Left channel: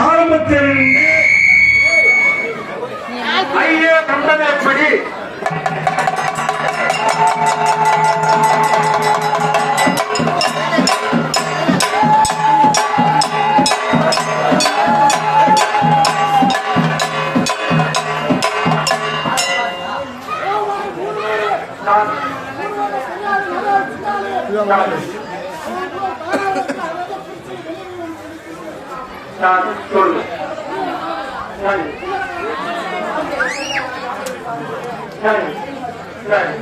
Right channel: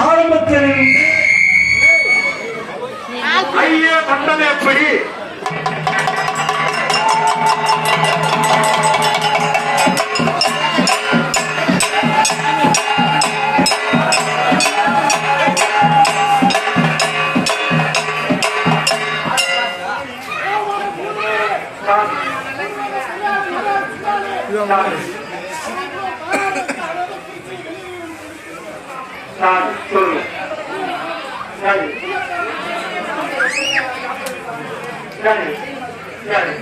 ஆரம்பத்தில் ஐயே பண்றது எப்படி சொல்லு சரி சரி சரி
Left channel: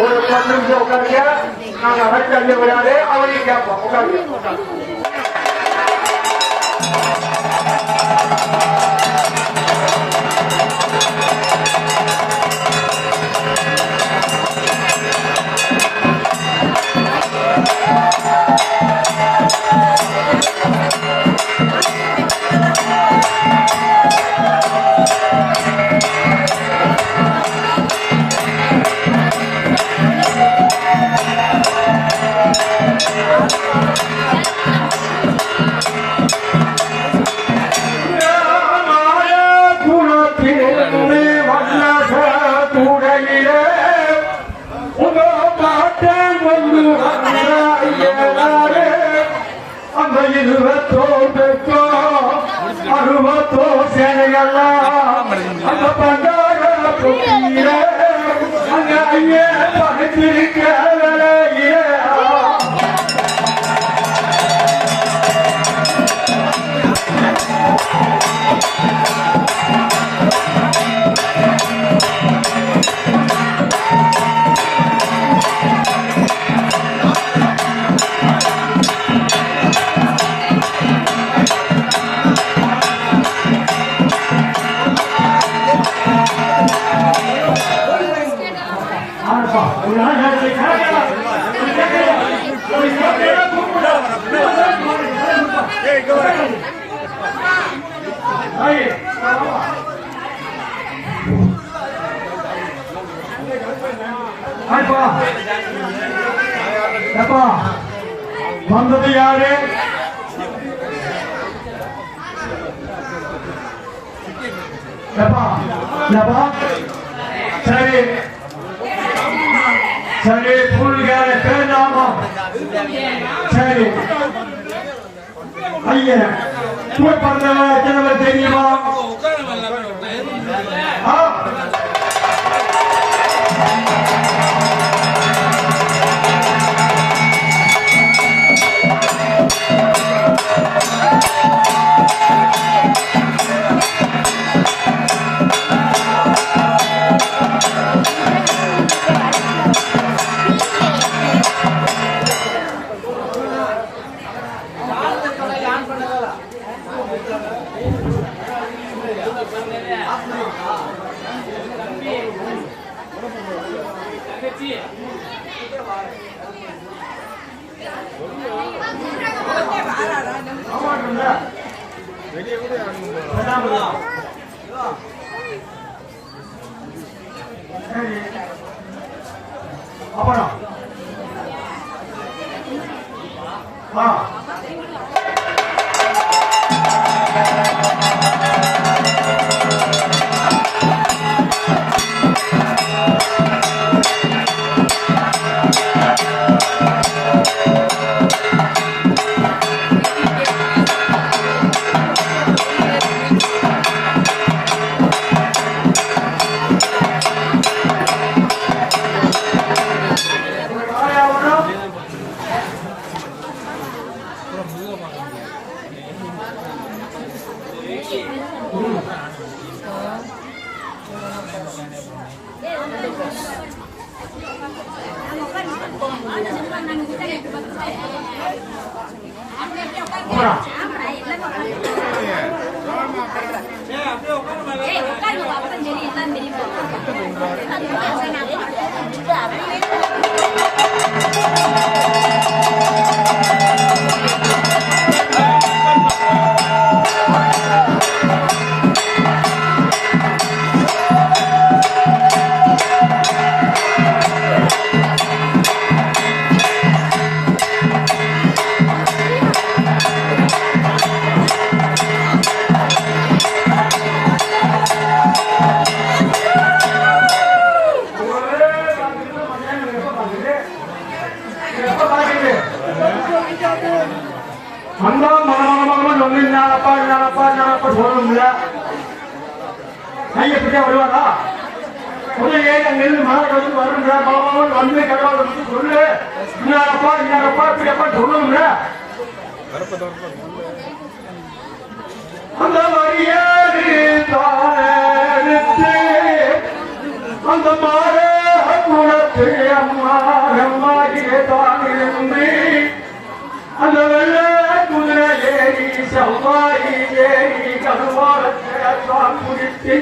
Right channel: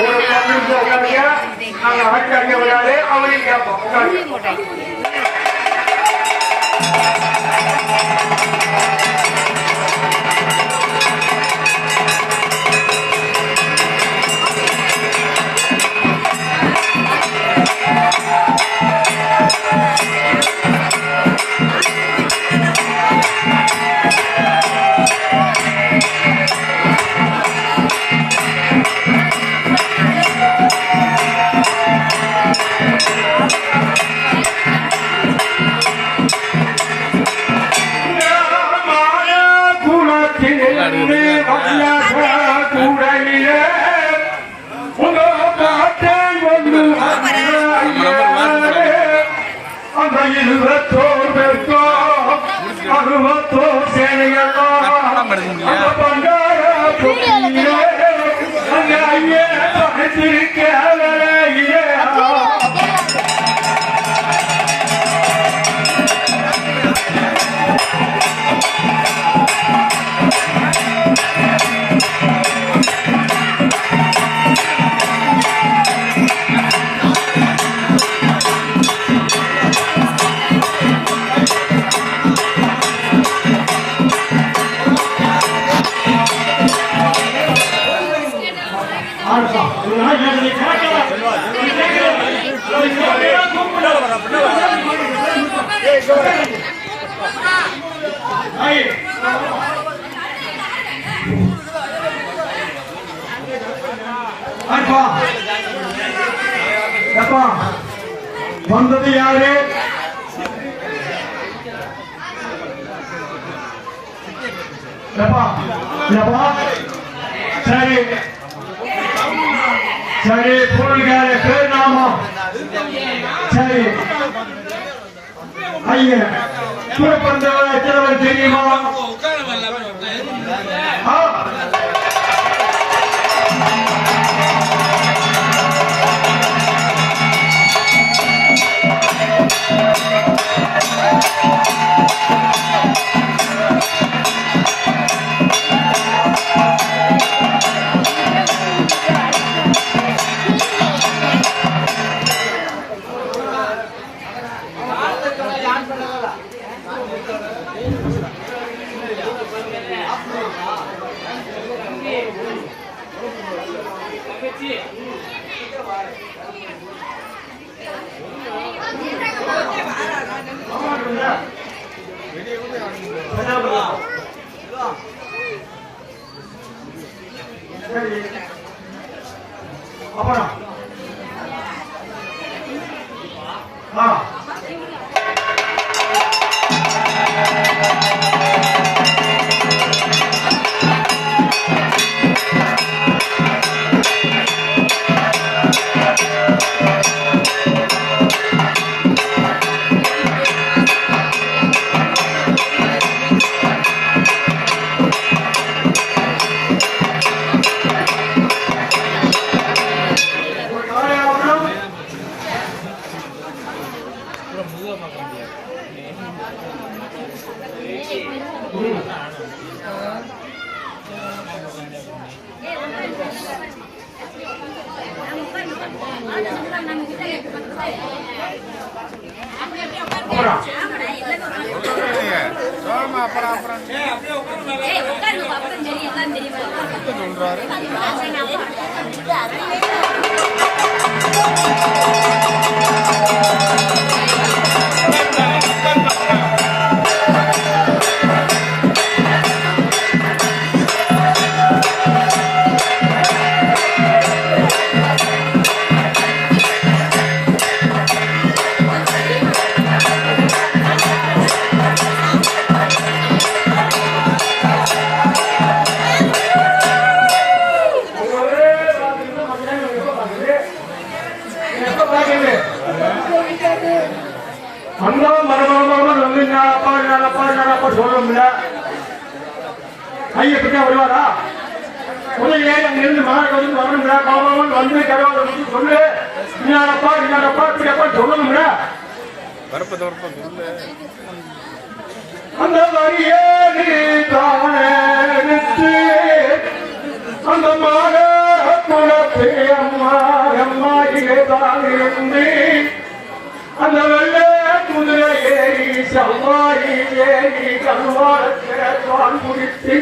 ஒரு 10 நிமிஷம் உட்காருங்க. நாங்க அமைச்சர் விளையாடு அவளையும் கேட்போம். உட்காருங்க. வந்தது யாரு? சரி சரி புல்கார பேர் நாமா சரி ஐயா கூட பண்றவ எத்தனை தெரியுமா? அந்த மனோரமாக ஒண்ணு நானப்பா சொல்ல முடியல கையை பிடிச்சா வருவாரா ஒரு ஏழு அங்கிருந்து மலர் வந்து வரணும்ல பாபாவன் வந்து கடவுள் சொல்லு இன்னாரப்பா இப்படியப்பா சொல்லணும்ல அந்த வரியாடு தானெடுத்து அந்த மாட மனத்து அம்மா அம்மாடியே தான் இருந்து அந்த வெள்ள குதிரை ஏறி செவ்வாய் ஏறி கல்வாரத்தை தான் முடித்து